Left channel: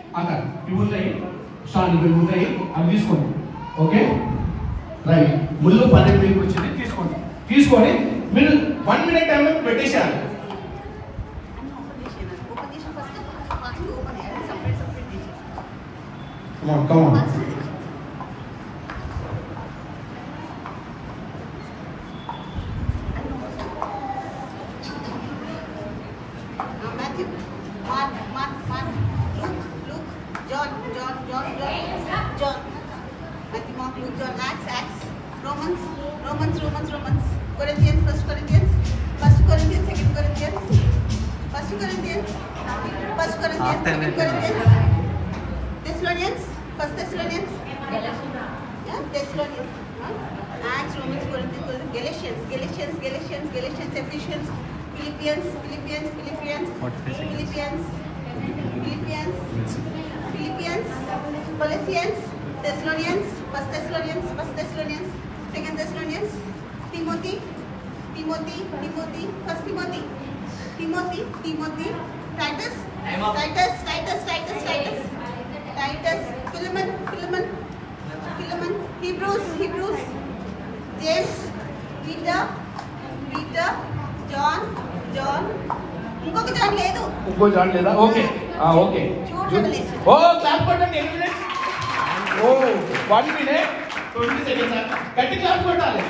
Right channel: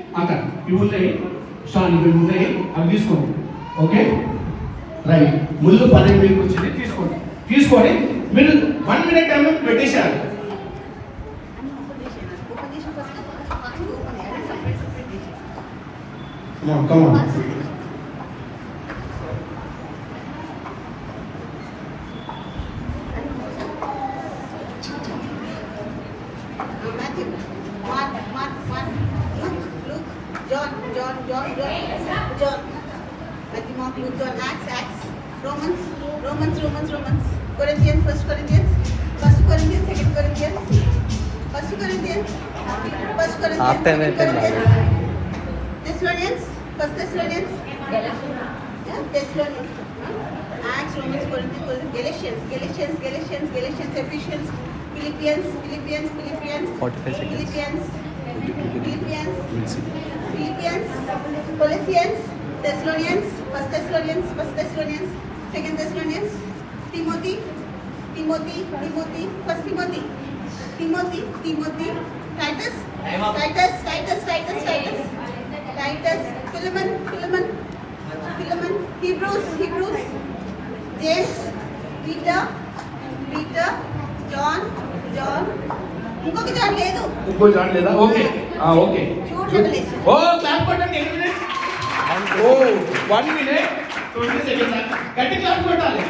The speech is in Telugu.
అక్కడ ఇవుతాయి షాన్ ఇవుతాయి అవి తీసుకోండి. Okay right. ముళ్ళు 12 మీకు వచ్చింది తీసుకోండి. తీసుకొని మీరు 1 మినిట్ టైం పెట్టేశారు. Come on. John. Acts. Romans. Corinthians, 1 Corinthians, 2 Corinthians, 1 Corinthians, Thessalonians, 1 Thessalonians, Thessalonians, Acts, Romans, Corinthians, Galatians, Ephesians, Philippians, Colossians, Thessalonians, 1 Thessalonians, 2 Thessalonians, Timothy, 1 Timothy, Titus, Philemon, Hebrews, James, Peter, John, ఇంకొక జాన్ లేదు. ఓకే ఓకే ఓ క్లాప్ కొట్టండి. 8 మినిట్స్. ఓ 1 మినిట్ 20 సెకండ్స్. గట్టి క్లాప్ కొట్టాలి.